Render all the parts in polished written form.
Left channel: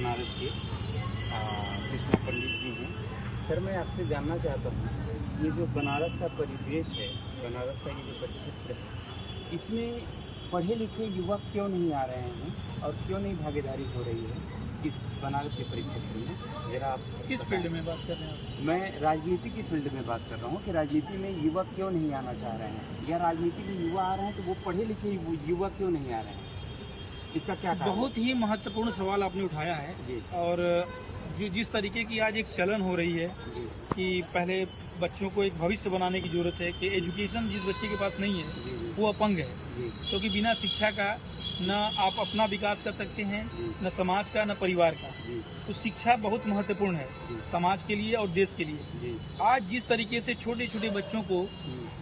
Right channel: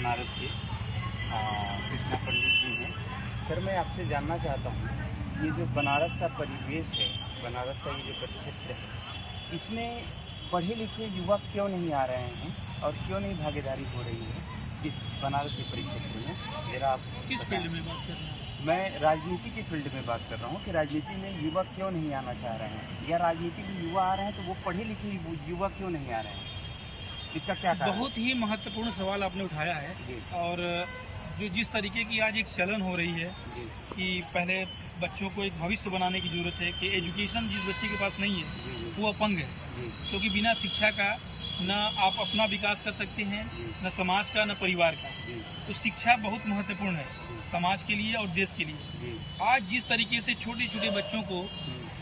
बनारस के कृष्णा पंडित जी हैं। सर, मैं आपसे जानना चाहता हूँ, ये जो बनारस का परिवेश है, बनारस का ये जो परिक्षेत्र है, इसमें पढ़े लिखे युवक क्यों नहीं आ रहे हैं और क्यों नहीं भागीदारी हो रही है इस बनारस के परिक्षेत्र में? जरा आप किस फील्ड में बात कर रहे हैं आप? मैं राजनीति की फील्ड में बात कर रहा हूँ कि राजनीति में युवक क्यों नहीं आना चाह रहे हैं, या राजनीति के युवा आ रहे हैं तो वो पढ़े लिखे युवा क्यों नहीं आ रहे हैं, इसका क्या कारण? बहुत ही महत्वपूर्ण सवाल आपने उठाया है जी। और जो जिस तरीके की आज एक चलन हो रही है जी। कि पहले बच्चों को एक भविष्य बनाने की जरूरत है कि एजुकेशन जिस बच्चे के पास नहीं है जी। वो अपंग है, जी। बिना शिक्षा का न आप अपना विकास कर सकते हैं, न समाज का न परिवार का। तो शिक्षा बहुत महत्वपूर्ण है समाज के लिए और देश के लिए। आज जिस तरीके से छोटे छोटे बच्चों को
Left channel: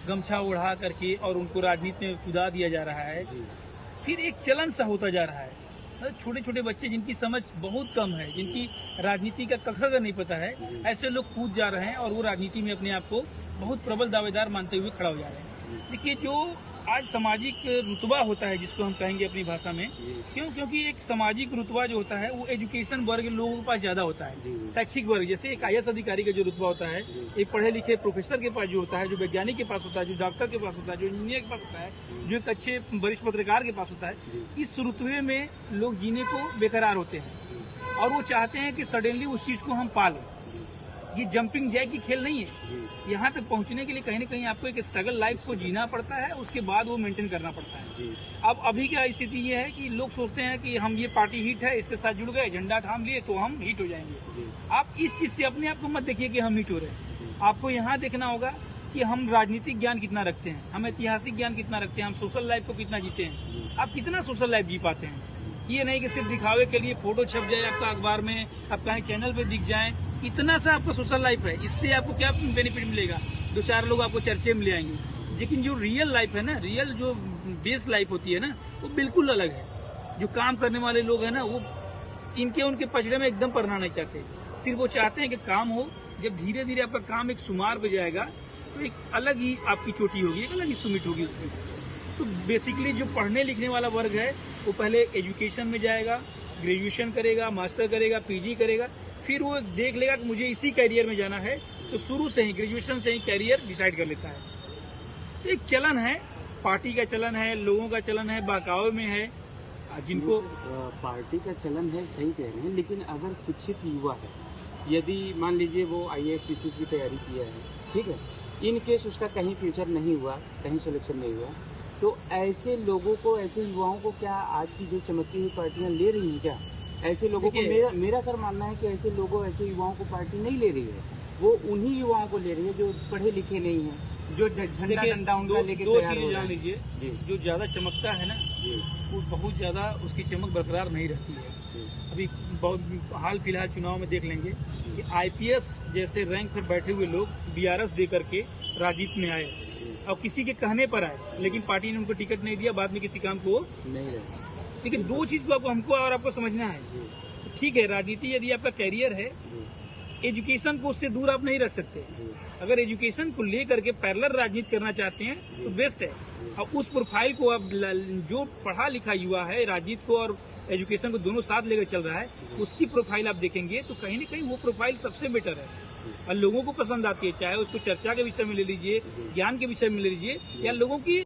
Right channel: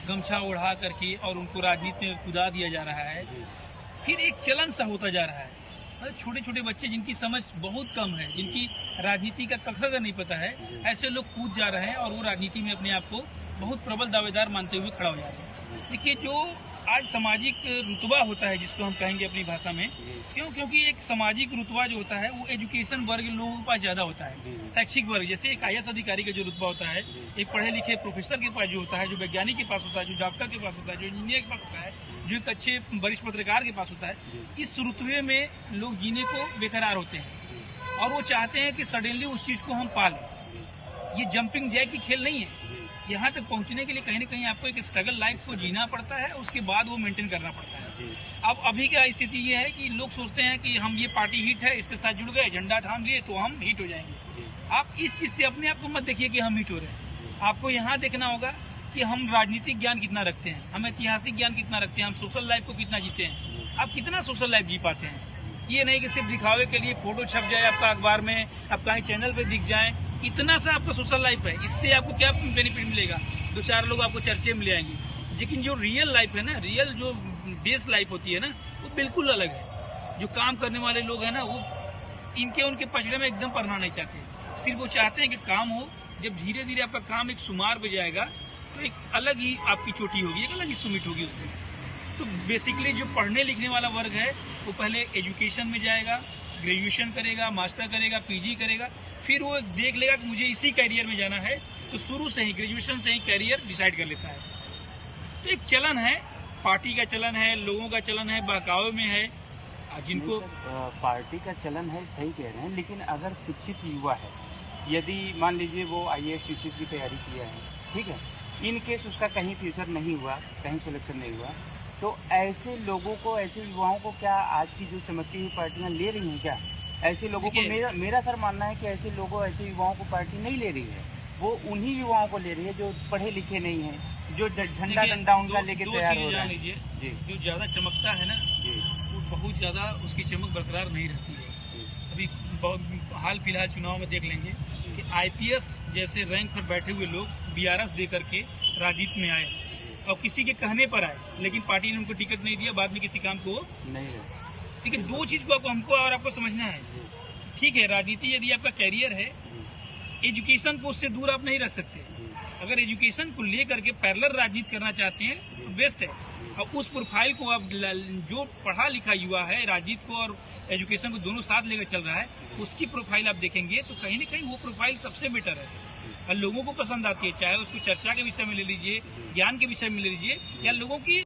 गमछा उड़ा करके और उनको राजनीति में कूदा दिया जा रहा है, फिर एक चलन सा होता जा रहा है। मतलब छोटे छोटे बच्चे जिनकी समझ बहुत कम है, जिनकी राजनीति का कखर नहीं पता है, ऐसे लोग कूद जा रहे हैं और वो राजनीति में अपने आप को बहुत प्रबल दावेदार मानते हुए खड़ा हो जा रहे हैं। देखिए, जो आज सामाजिक रुतबा होता है, जिसको हम कहेंगे अपनी भाषा में, क्योंकि एक सामाजिक रुतबा जो होता है वो एजुकेशन वर्ग लोगों के पास ज्यादा होता है। शैक्षिक वर्ग, जैसे एक IAS अधिकारी का जो रुतबा होता है, एक पढ़े लिखे प्रोफेसर के पास जो होता है, जो वैज्ञानिक के पास होता है, जो डॉक्टर के पास होता है, जो इंजीनियर के पास होता है, जो एक अच्छे वरिष्ठ पत्रकार के पास होता है, इस रुतबे में लोग जीने को बेकरार होते हैं और वो चाहते हैं कि सडनली उस चीज को हम पा लें। ये जंपिंग जैक की खेल नहीं है। यहाँ तक पहुँचने के लिए कहीं न कहीं आपको एक स्ट्रगल लाइफ को जीना पड़ता है, उसके बाद वो मेंटेन करना पड़ता है। अब अभी क्या स्थिति ये है कि लोग सोचते हैं कि हम ये पार्टी हिट है, इसके साथ जुड़ गए, झंडा थाम लिए तो हम हिट हो जाएंगे। आप इस चीज से अपने आप को मत देखिए कि हम हिट हो रहे हैं। आपको यहाँ देखना होगा कि हम राजनीतिक ज्ञान कितना रखते हैं, हम ऐतिहासिक ज्ञान कितना रखते हैं, हम सोशल लाइफ को कितना जीते हैं, आप कितना सोशल लाइफ जी पाते हैं। ये नहीं कि सिर्फ दिखावे के लिए फोटो छप जाए आपका अखबार में, आप कहीं चैनल पे दिख जाए, इतना सा आपका सोशल लाइफ है। इससे आपको क्या बेनिफिट मिलेगा? 2-4 लोग आपको चर्चे में ले आएंगे। लेकिन जो रियल लाइफ है ना, रियल जो बेस लाइफ होती है ना, वो बिल्कुल अलग है। जो काम करने वाले लोग हैं ना, वो उनके पचड़े में एकदम पड़ना नहीं चाहते। सिर्फ वो चाहते हैं कि काम हो। जब धीरे धीरे आपका काम एक सुमार पे जाएगा तो एक अलग ही आपकी चोटी होगी, एक अलग ही सुमिट होगी उसकी। तो बेसिकली जो पढ़ने लिखने वाला वर्ग है वो पहले एजुकेशन में जाएगा, ग्रेजुएशन करेगा, मास्टर करेगा, PG करेगा, फिर वो देख लेगा कि मुझे इसी कैरियर में जाना है, तो शुरू से ही ग्रेजुएशन से ही कैरियर डिसाइड कर लेता है। तो एक चलन है, पार्टी का चलन है, लोगों का चलन है, बहकावे में है। जिनको पार्टी का चलन है, सही कह रहे हैं, लेकिन अगर शिक्षित युवा है, यदि मान लीजिए वो IAS PCS की तैयारी किया है, ठीक है, इन केस उसका कहीं फ्यूचर नहीं हुआ, कहीं सिलेक्शन नहीं हुआ, तो ऐसे लोगों को, ऐसे युवाओं को क्या आज की जो चमकती हुई पार्टियां ले रही हैं क्या? ऐसे लोगों को मेरा सर मानना है कि ऐसे युवाओं को पार्टी नहीं ले रही है। वो उन्हीं युवाओं को ले रही है जो पढ़े लिखे नहीं हैं, जो झंडा डंडा उनका लेके तैयार हो रहा है। लीजिए, जो ज्यादा चमकता है ना, वो बहुत ज्यादा उसकी चमक बरकरार नहीं रहती है। अभी बहुत हाल फिलहाल चुनाव में देख लेंगे कि IPS जैसे रैंक पर बैठे हुए लोग BRS दे करके राजनीति में आए और किसी के कहने पर आए, लेकिन पार्टी ने उनको टिकट नहीं दिया, बाद में किसी काम को नहीं रहे। लेकिन दो चीज को हमको और आपको समझना है। ठीक है, राजनीति यदि आपका कैरियर है, एजुकेशन को उससे दूर आप नहीं रख सकते। अगर एजुकेशन को लेकर के पैरेलल राजनीति करना चाहते हैं तो बेस्ट है। और उस प्रोफाइल को आप, जो पढ़ा लिखा युवा है, राजनीति को और एजुकेशन को दोनों साथ लेकर चल रहा है, उसकी प्रोफाइल आप देखेंगे तो कहीं न कहीं वो प्रोफाइल सबसे बेटर है और लोगों को पसंद आती है। चाहे उसको चर्चा के विषय में ले लीजिए, ज्ञान के विषय में ले लीजिए, या लोगों की